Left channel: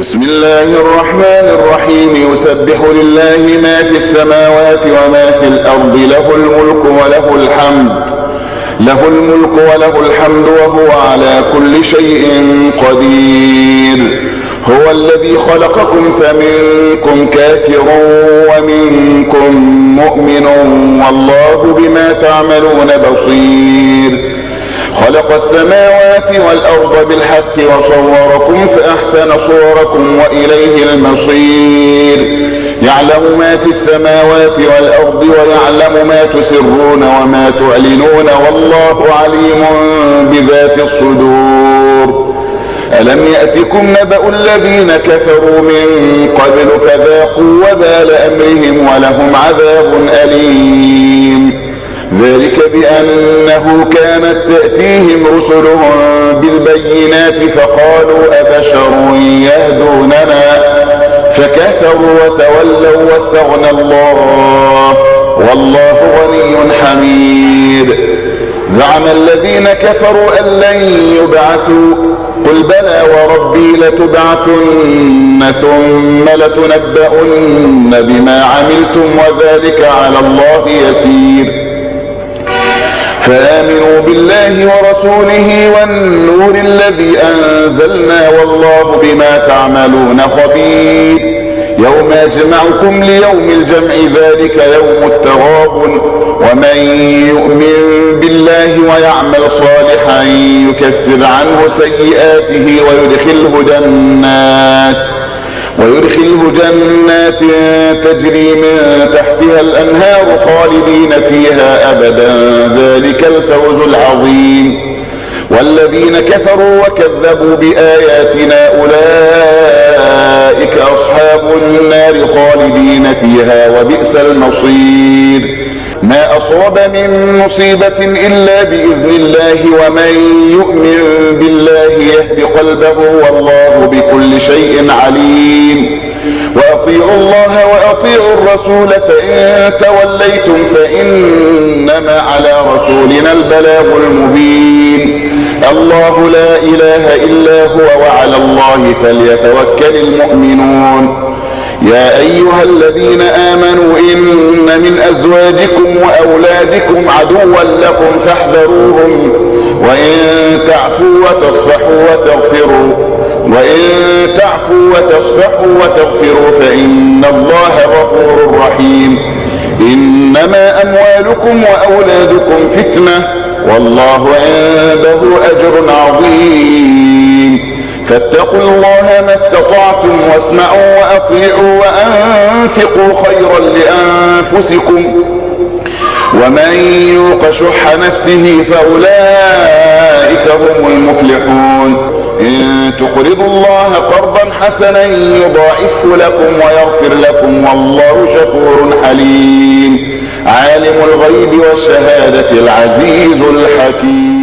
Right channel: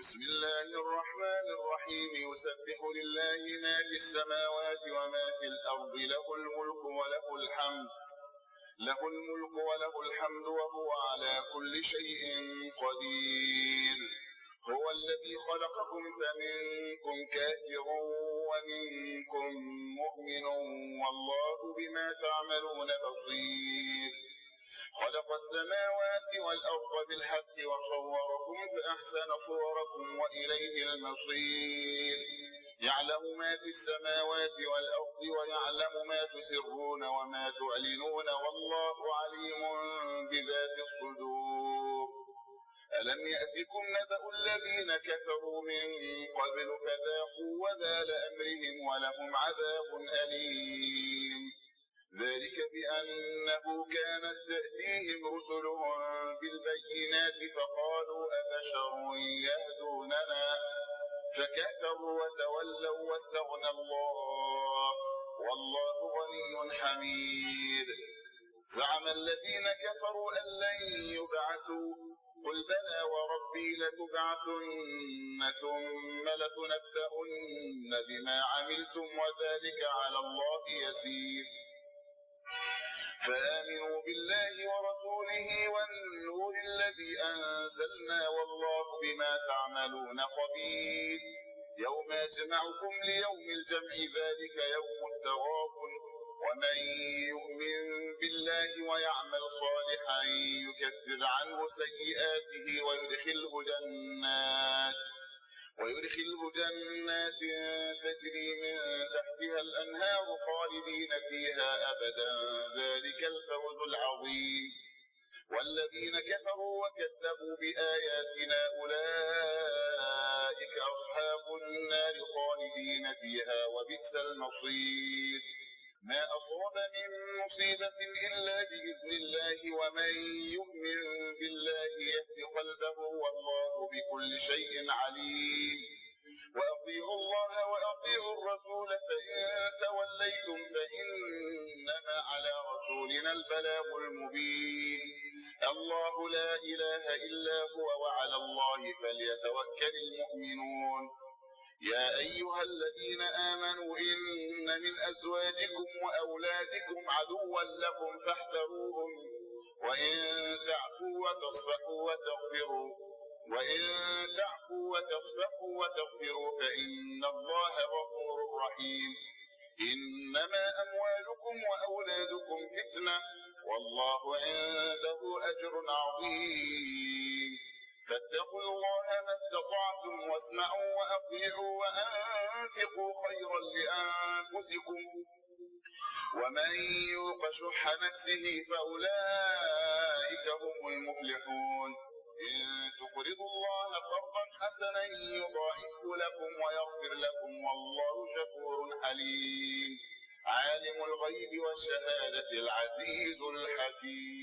بسم الله الرحمن الرحيم. يسبح لله ما في السماوات وما في الأرض، له الملك وله الحمد وهو على كل شيء قدير. هو الذي خلقكم فمنكم كافر ومنكم مؤمن والله بما تعملون بصير. خلق السماوات والأرض بالحق وصوركم فأحسن صوركم وإليه المصير. يعلم ما في السماوات والأرض ويعلم ما تسرون وما تعلنون والله عليم بذات الصدور. ألم يأتكم نبأ الذين كفروا من قبل فذاقوا وبال أمرهم ولهم عذاب أليم. ذلك بأنه كانت تأتيهم رسلهم بالبينات فقالوا أبشر يهدوننا فكفروا وتولوا واستغنى الله والله غني حميد. زعم الذين كفروا أن لن يبعثوا قل بلى وربي لتبعثن ثم لتنبؤن بما عملتم وذلك على الله يسير. فآمنوا بالله ورسوله والنور الذي أنزلنا والله بما تعملون خبير. يوم يجمعكم ليوم الجمع ذلك يوم التغابن. ومن يؤمن بالله ويعمل صالحا يكفر عنه سيئاته ويدخله جنات تجري من تحتها الأنهار خالدين فيها أبدا ذلك الفوز العظيم. والذين كفروا وكذبوا بآياتنا أولئك أصحاب النار خالدين فيها وبئس المصير. ما أصاب من مصيبة إلا بإذن الله ومن يؤمن بالله يهد قلبه والله بكل شيء عليم. وأطيعوا الله وأطيعوا الرسول فإن توليتم فإنما على رسولنا البلاغ المبين. الله لا إله إلا هو وعلى الله فليتوكل المؤمنون. يا أيها الذين آمنوا إن من أزواجكم وأولادكم عدوا لكم فاحذروهم وإن تعفوا وتصفحوا فإن الله غفور رحيم. إنما أموالكم وأولادكم فتنة والله عنده أجر عظيم. فاتقوا الله ما استطعتم واسمعوا وأطيعوا وأنفقوا خيرا لأنفسكم ومن يوق شح نفسه فأولئك هم المفلحون. إن تقرضوا الله قرضا حسنا يضاعفه لكم ويغفر لكم والله شكور حليم. عالم الغيب والشهادة العزيز الحكيم.